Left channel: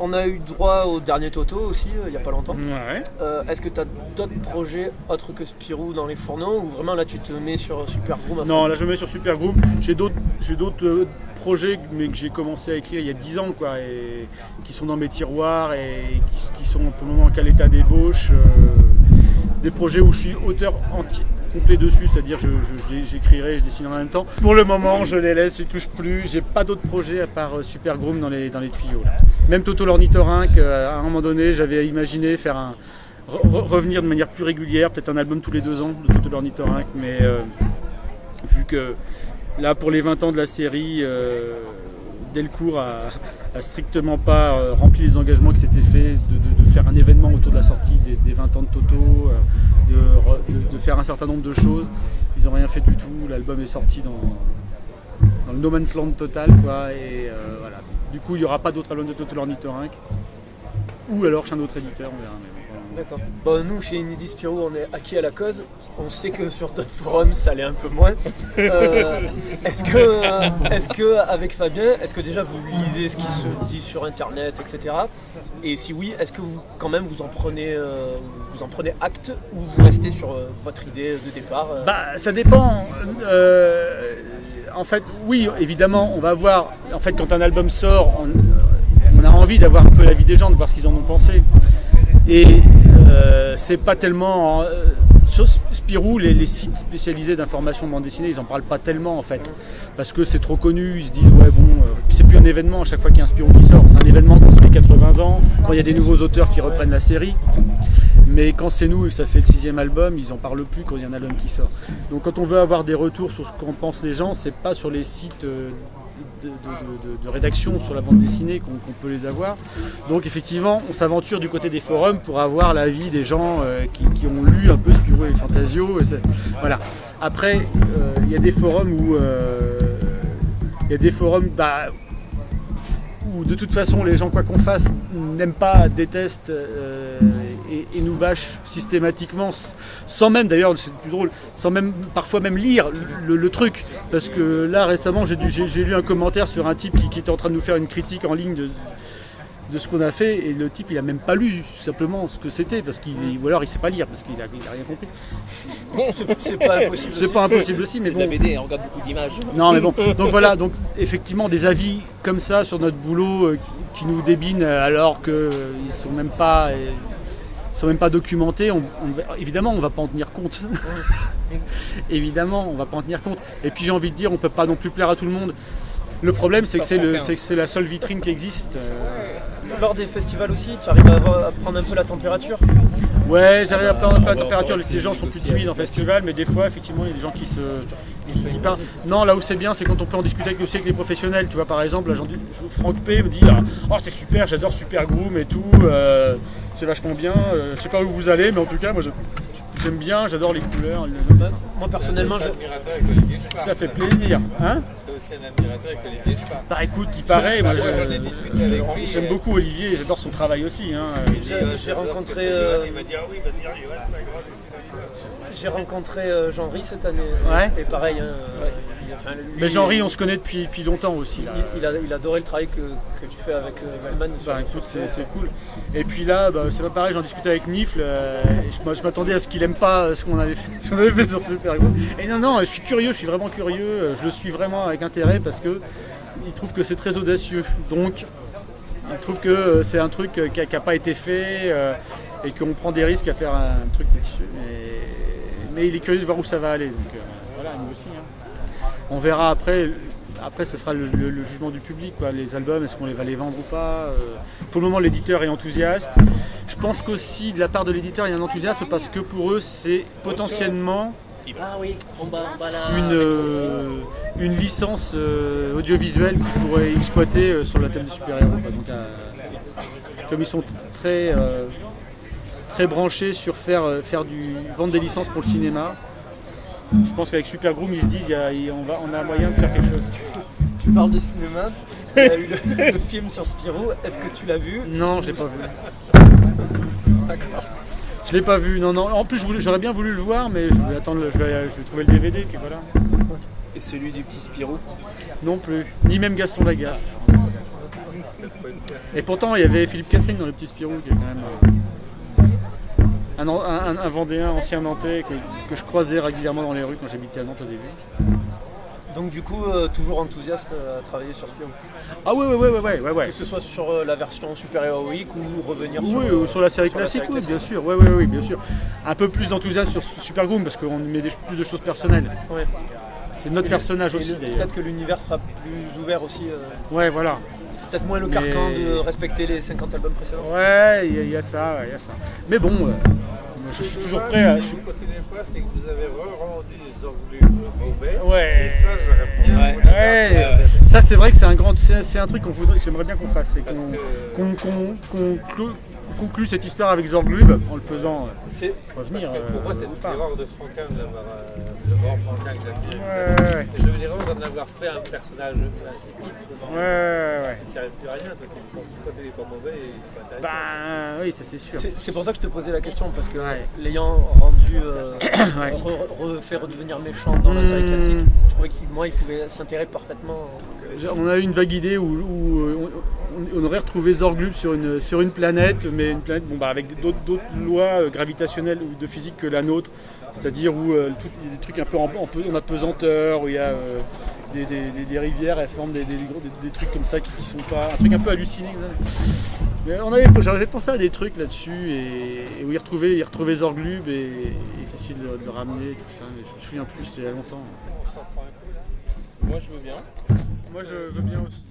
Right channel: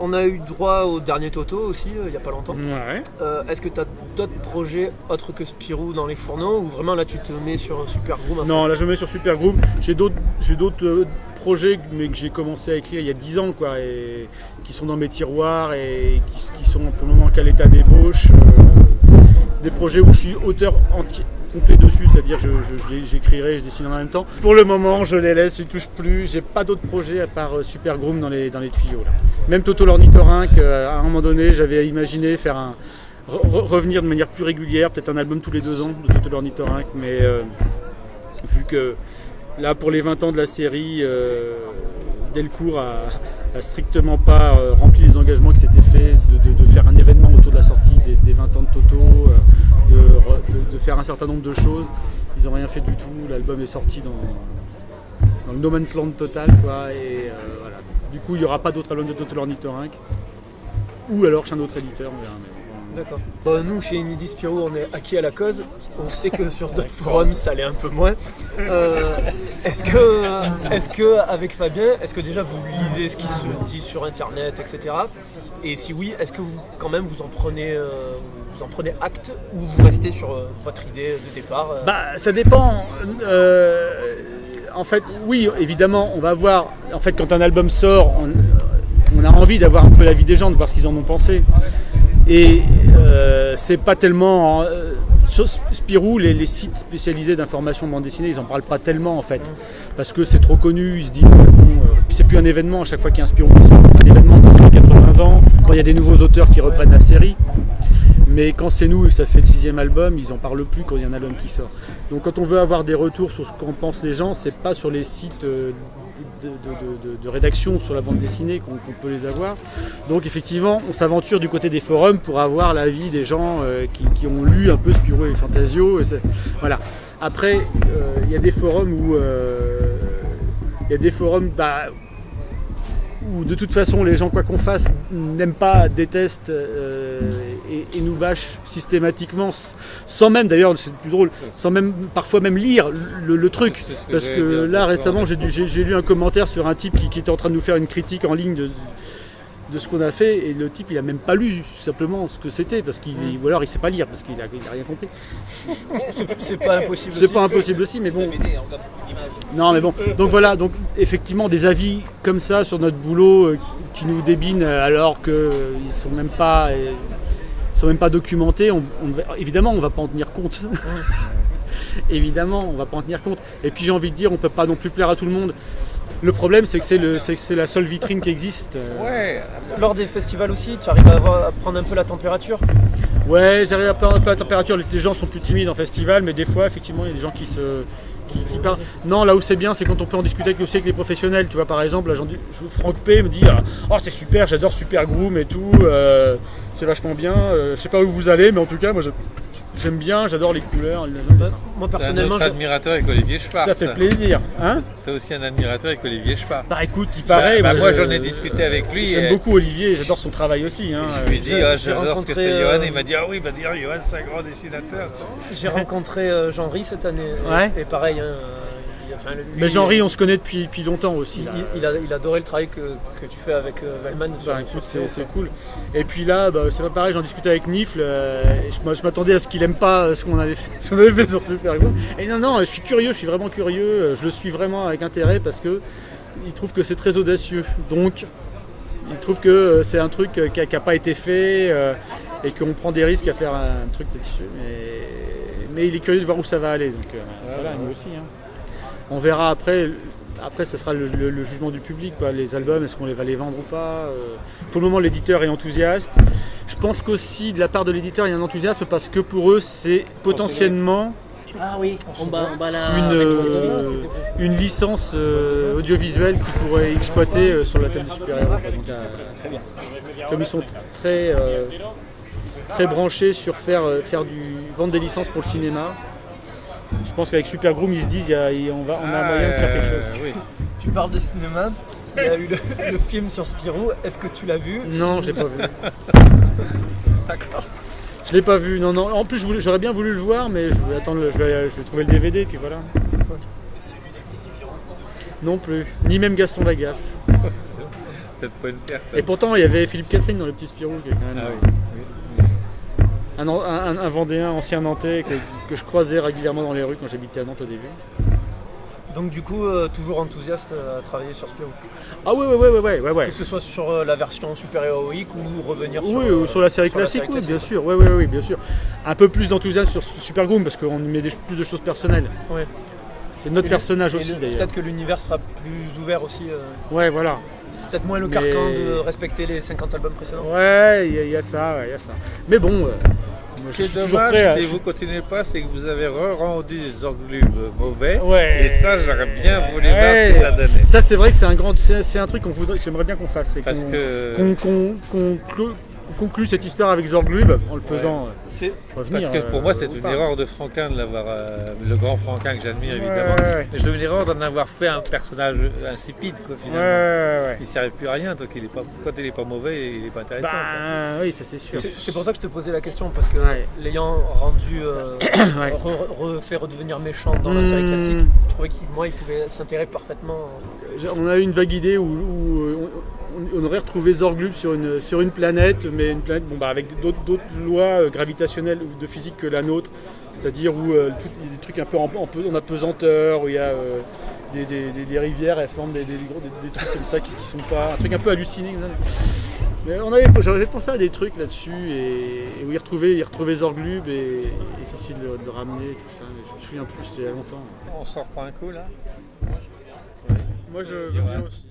On a eu droit au dernier Toto aussi, il n'y a pas longtemps. Ouais. Est-ce que tu as d'autres projets autres que Spirou dans les fourneaux, ou vraiment là tu te mets sur Super Groom? Non, là je me mets sur Super Groom. J'ai d'autres projets, mais que j'ai commencé à écrire il y a 10 ans, quoi, et qui sont dans mes tiroirs et qui sont pour le moment qu'à l'état d'ébauche. Des projets où je suis auteur complet dessus, c'est-à-dire j'écrirai, je dessinerai en même temps. Pour le moment, je les laisse, je ne touche plus. J'ai pas d'autres projets à part Super Groom dans les tuyaux. Là. Même Toto l'ornithorynque, à un moment donné, j'avais imaginé faire revenir de manière plus régulière, peut-être un album tous les 2 ans de Toto l'ornithorynque, mais vu que là, pour les 20 ans de la série, Delcourt a strictement pas rempli les engagements qui s'étaient faits de faire un événement autour de la sortie des 20 ans de Toto, de faire un certain nombre de choses. Ils n'ont rien fait du tout. L'album est sorti dans le no man's land total, quoi. Et voilà. Du coup, il n'y aura pas d'autre album de Toto l'ornithorynque. Ou alors chez un autre éditeur, on verra. D'accord. Bon, nous, chez Inédit Spirou, on est acquis à la cause. On sait que sur d'autres forums, ça l'est un peu moins. Est-ce que avec Fabien, est-ce que déjà vous lisez ce qui se dit sur Internet, etc. Et si oui, est-ce que vous, quand même, vous en prenez acte, ou vous restez sur votre idée de départ Ça dépend. En fait, oui, évidemment, on va voir. En fait, quand un album sort, on a envie d'avoir un peu l'avis des gens, de voir ce qu'ils en ont pensé. Et c'est pas tellement... sur Spirou, les sites spécialisés d'information de bande dessinée, ils n'en parlent pas tellement en fait. Parce que c'est trop connu, ils se disent, ouais, bon, c'est plus un événement à chaque fois qu'il y a un Spirou qui sort. C'est un événement quand c'est 80 ans, quand il y a des nouveaux auteurs qui reprennent la série. Mais quand c'est nous et que ça fait le 6e album, ils n'en parlent plus quand il y a un album qui sort. Donc quand on veut avoir des retours sur ce qu'en pensent les gens, c'est pas sur les sites de rédaction sur la bande dessinée qu'on peut les avoir. Donc effectivement, on s'aventure du côté des forums pour avoir l'avis des gens qui ont lu un peu Spirou et Fantasio. Voilà. Après, il y a des forums où où de toute façon les gens, quoi qu'on fasse, n'aiment pas, détestent et nous bâchent systématiquement, sans même, d'ailleurs c'est plus drôle, sans même parfois même lire le truc. Parce que là récemment j'ai lu un commentaire sur un type qui était en train de nous faire une critique en ligne de ce qu'on a fait, et le type il a même pas lu simplement ce que c'était, ou alors il sait pas lire parce qu'il a rien compris. C'est pas impossible. C'est pas impossible aussi, mais bon. C'est de la BD, on regarde beaucoup d'images. Non mais bon, donc voilà, donc effectivement des avis comme ça sur notre boulot qui nous débinent alors qu'ils sont même pas documentés. Évidemment on va pas en tenir compte. Évidemment on va pas en tenir compte. Et puis j'ai envie de dire, on peut pas non plus plaire à tout le monde. Le problème, c'est que c'est la seule vitrine qui existe. Ouais. Lors des festivals aussi, tu arrives à prendre un peu la température? Ouais, j'arrive à prendre un peu la température. Les gens sont plus timides en festival, mais des fois, effectivement, il y a des gens qui parlent. Non, là où c'est bien, c'est quand on peut en discuter avec les professionnels. Tu vois, par exemple, là, Franck P me dit « Oh, c'est super, j'adore Super Groom et tout, c'est vachement bien. Je sais pas où vous allez, mais en tout cas, moi, j'aime bien, j'adore les couleurs, le dessin. Moi personnellement, t'es un admirateur avec Olivier Schwartz. Ça fait plaisir, hein? T'es aussi un admirateur avec Olivier Schwartz. Bah écoute, il paraît. Moi j'en ai discuté avec lui. J'aime beaucoup Olivier, j'adore son travail aussi. Hein. Je lui ai dit, j'adore ce que fait Johan, et il m'a dit, ah oui, bah dire Johan c'est un grand dessinateur. J'ai rencontré Jean-Ry cette année, ouais. Et pareil. Mais Jean-Ry, on se connaît depuis longtemps aussi. Il adorait le travail que tu fais avec Velman. Bah, écoute, c'est cool. Et puis là, c'est pas pareil, j'en discutais avec Nifl. Je m'attendais à ce qu'il aime pas ce qu'on avait fait sur Super Groom. Et non, je suis curieux, je suis vraiment curieux. Je le suis vraiment avec intérêt parce que il trouve que c'est très audacieux. Donc, il trouve que c'est un truc qui n'a pas été fait et qu'on prend des risques à faire un truc là-dessus. Mais il est curieux de voir où ça va aller. Donc voilà, nous aussi. Hein. On verra après. Après, ce sera le jugement du public, quoi. Les albums, est-ce qu'on va les vendre ou pas? Pour le moment, l'éditeur est enthousiaste. Je pense qu'aussi, de la part de l'éditeur, il y a un enthousiasme parce que pour eux, c'est potentiellement une licence audiovisuelle qu'ils pourraient exploiter sur la thème des super-héros. Donc, comme ils sont très branchés sur vendre des licences pour le cinéma, je pense qu'avec Super Groom, ils se disent on a moyen de faire quelque chose. Oui. Tu parles de cinéma, il y a eu le film sur Spirou, est-ce que tu l'as vu? Non, je l'ai pas vu. D'accord. Je l'ai pas vu, non. En plus, j'aurais bien voulu le voir, mais je vais attendre, je vais trouver le DVD, puis voilà. Et celui du petit Spirou? Non plus, ni même Gaston Lagaffe. peut-être pas une perte. Et pourtant, il y avait Philippe Catherine dans le petit Spirou, qui est quand même un Vendéen, ancien Nantais, que je croisais régulièrement dans les rues quand j'habitais à Nantes au début. Donc du coup, toujours enthousiaste à travailler sur Spirou. Ah ouais. Que ce soit sur la version super héroïque ou revenir sur, Oui, ou sur la série classique, oui, bien sûr. Oui, bien sûr. Un peu plus d'enthousiasme sur Super Groom parce qu'on y met plus de choses personnelles. Ouais. C'est notre personnage aussi d'ailleurs. Peut-être que l'univers sera plus ouvert aussi. Ouais, voilà. Peut-être moins le carcan de respecter les 50 albums précédents. Ouais, il y a ça. Mais bon, moi, je suis toujours prêt à... Si vous continuez pas, c'est que vous avez rendu des Zorglubes mauvais. Ouais. Et ça, j'aurais bien voulu voir ce que ça donnait. Ça, c'est vrai que c'est un truc que j'aimerais bien qu'on fasse. C'est Parce qu'on conclut cette histoire avec Zorglub en le faisant revenir. Parce que pour moi, c'est une erreur de Franquin de l'avoir, le grand Franquin que j'admire évidemment. Ouais. Et je une erreur d'en avoir fait un personnage insipide, quoi, finalement. Ouais. Il ne servait plus à rien, donc quand il n'est pas mauvais, il n'est pas intéressant. Oui, ça c'est sûr. C'est pour ça que je te posais la question, parce que Ouais. l'ayant rendu, fait redevenir méchant dans la série classique, je trouvais qu'il pouvait s'intégrer parfaitement. On a eu une vague idée où on aurait retrouvé Zorglub sur une planète, mais une planète avec d'autres lois gravitationnelles ou de physique que la nôtre, c'est-à-dire où il y a des trucs un peu en apesanteur, où il y a des rivières, elles forment des trucs comme ça qui sont pas... Un truc un peu halluciné. Mais j'avais pensé à des trucs là-dessus, et où il retrouvait Zorglub et essayer de le ramener, tout ça, mais je me souviens plus, c'était il y a longtemps. On s'en reprend un coup là. Moi je veux bien aussi.